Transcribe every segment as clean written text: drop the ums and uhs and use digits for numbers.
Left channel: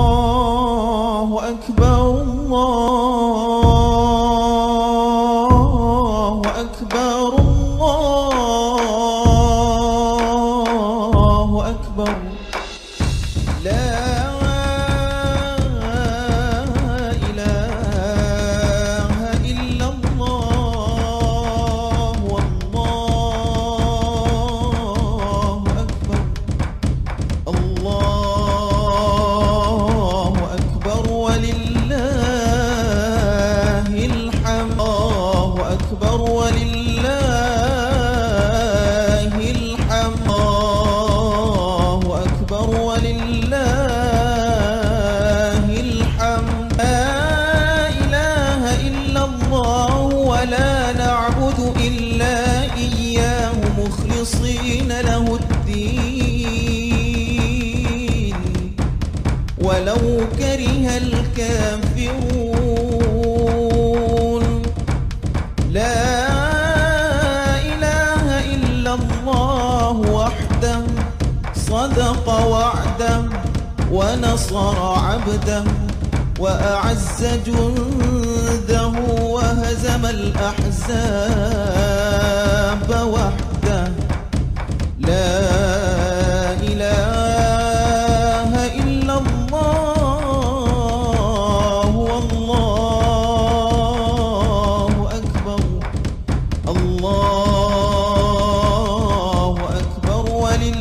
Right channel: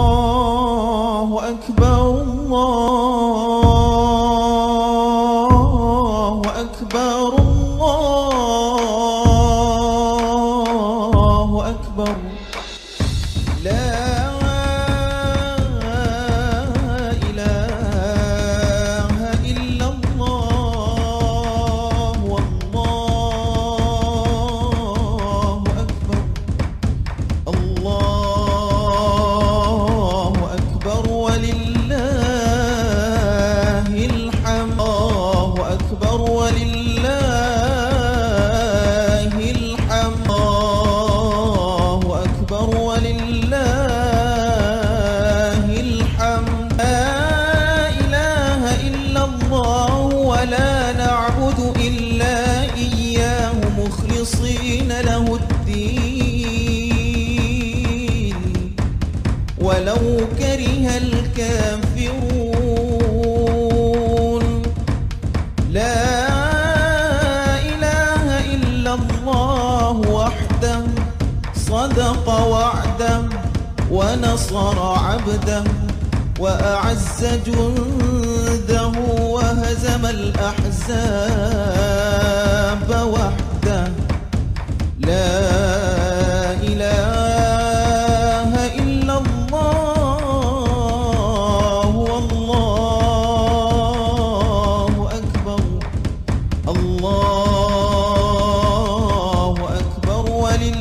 الله أكبر الله أكبر الله أكبر لا إله إلا الله والله أكبر الله أكبر ولله الحمد الله أكبر ولله الحمد الله أكبر ولله الحمد لا إله إلا الله ولا نعبد إلا إياه مخلصين له الدين ولو كره الكافرون لا إله إلا الله وحده صدق وعده ونصر عبده وأعز جنده وهزم الأحزاب وحده لا إله إلا الله والله أكبر الله أكبر ولله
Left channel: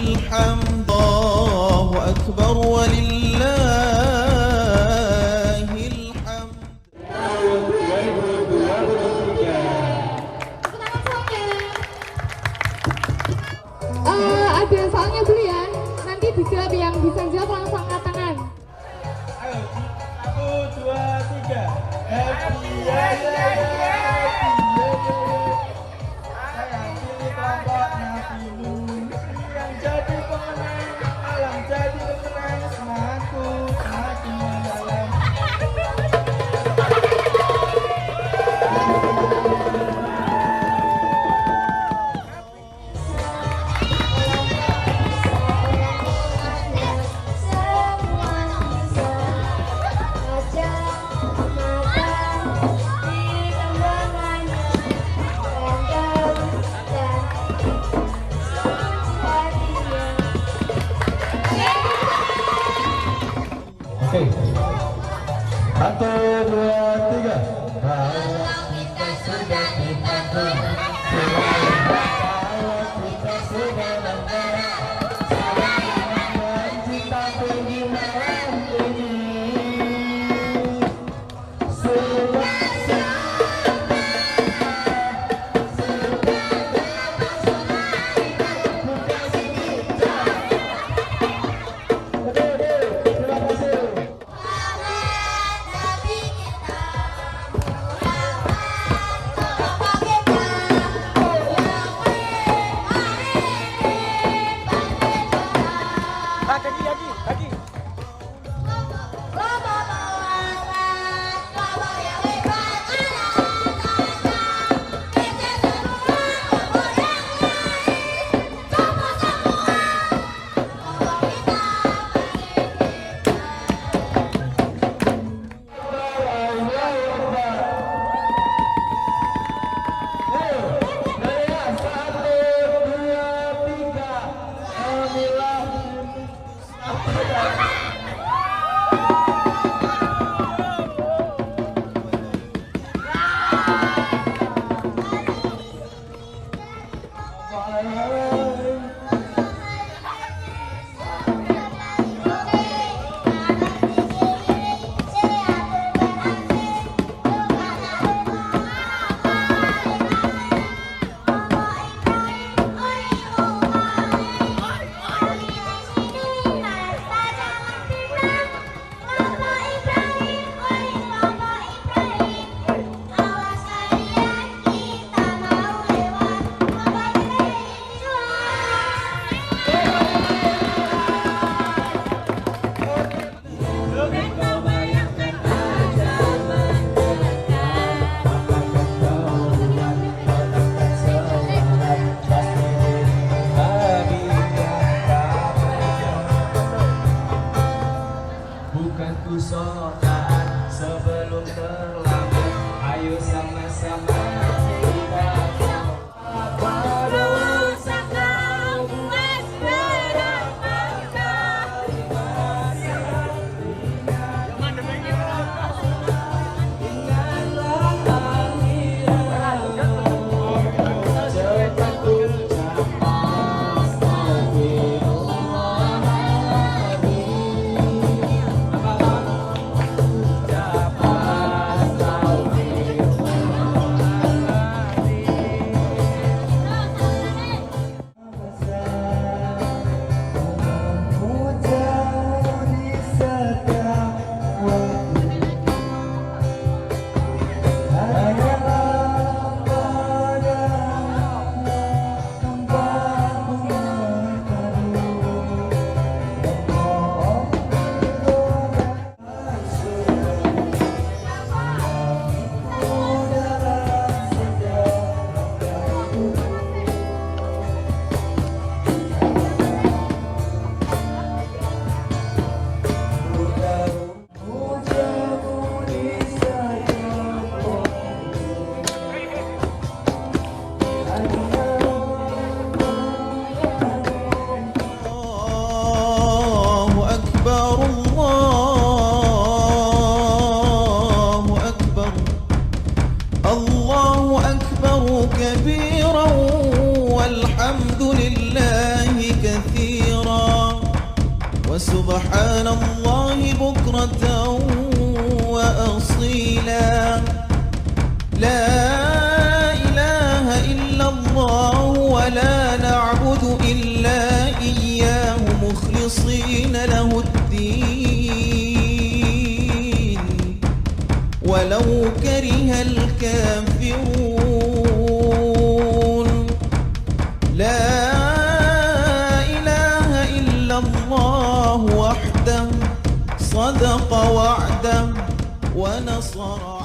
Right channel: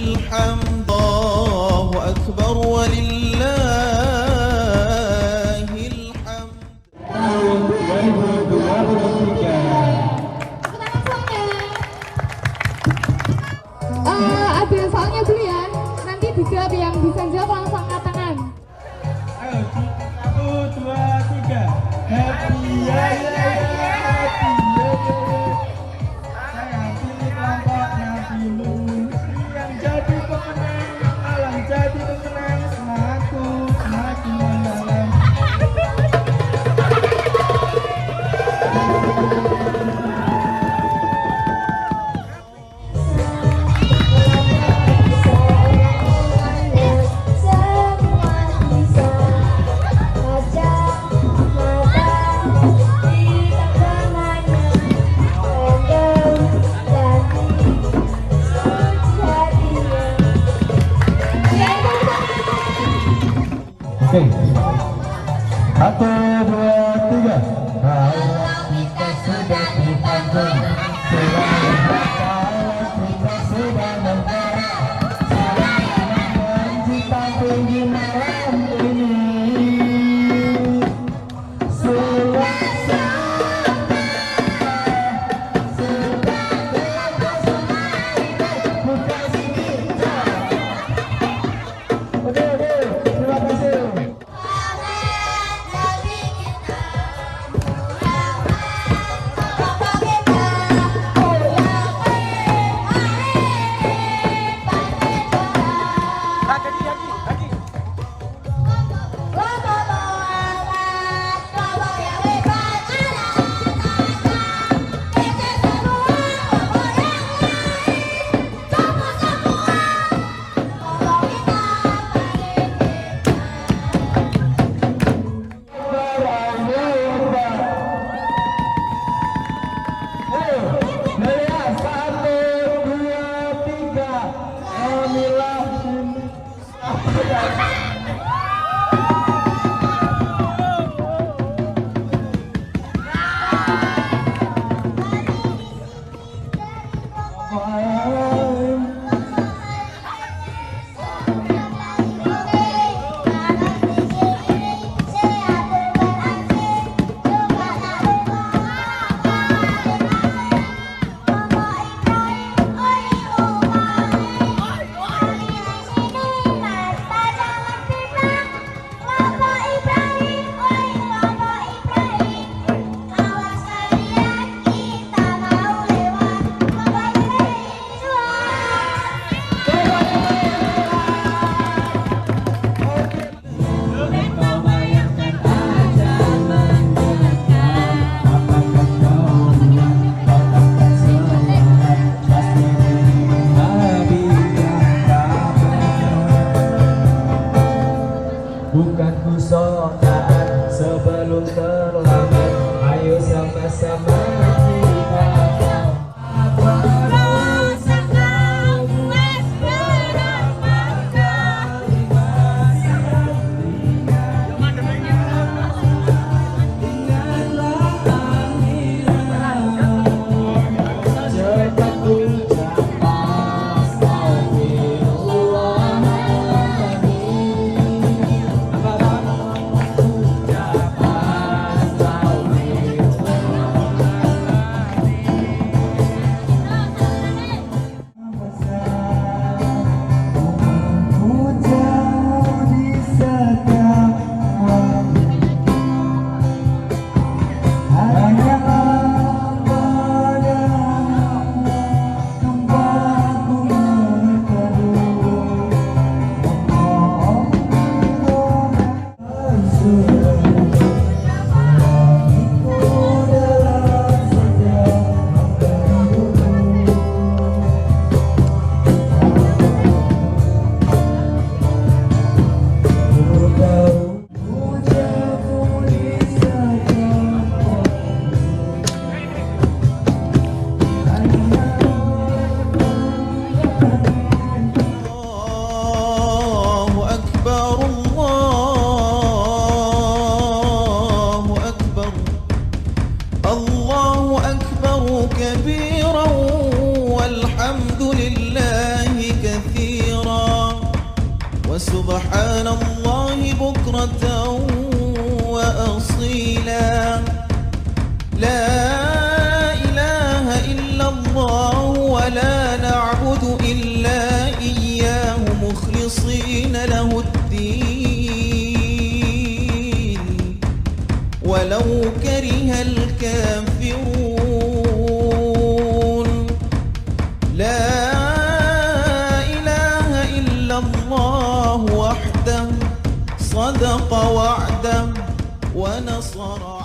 الحمد الله أكبر ولله الحمد Ada yang soalnya dulu ya, nanti dijawab yang bisa jawab langsung angkat tangan. Ayo, 1, 2, 3. Happy kelompoknya dulu. Yang jadi pemenang, alam jadi pemenang, semangatku semakin mendalam. Oke, 1, 2, 3. Nah, kita sudah di Tanjung. Kita sudah membara. Sayang di Tanjung di malam ini. أكبر كبيرا والحمد لله كثيرا وسبحان الله بكرة وأصيلا لا إله إلا الله ولا نعبد إلا إياه مخلصين له الدين ولو كره الكافرون لا إله إلا الله وحده صدق وعده ونصر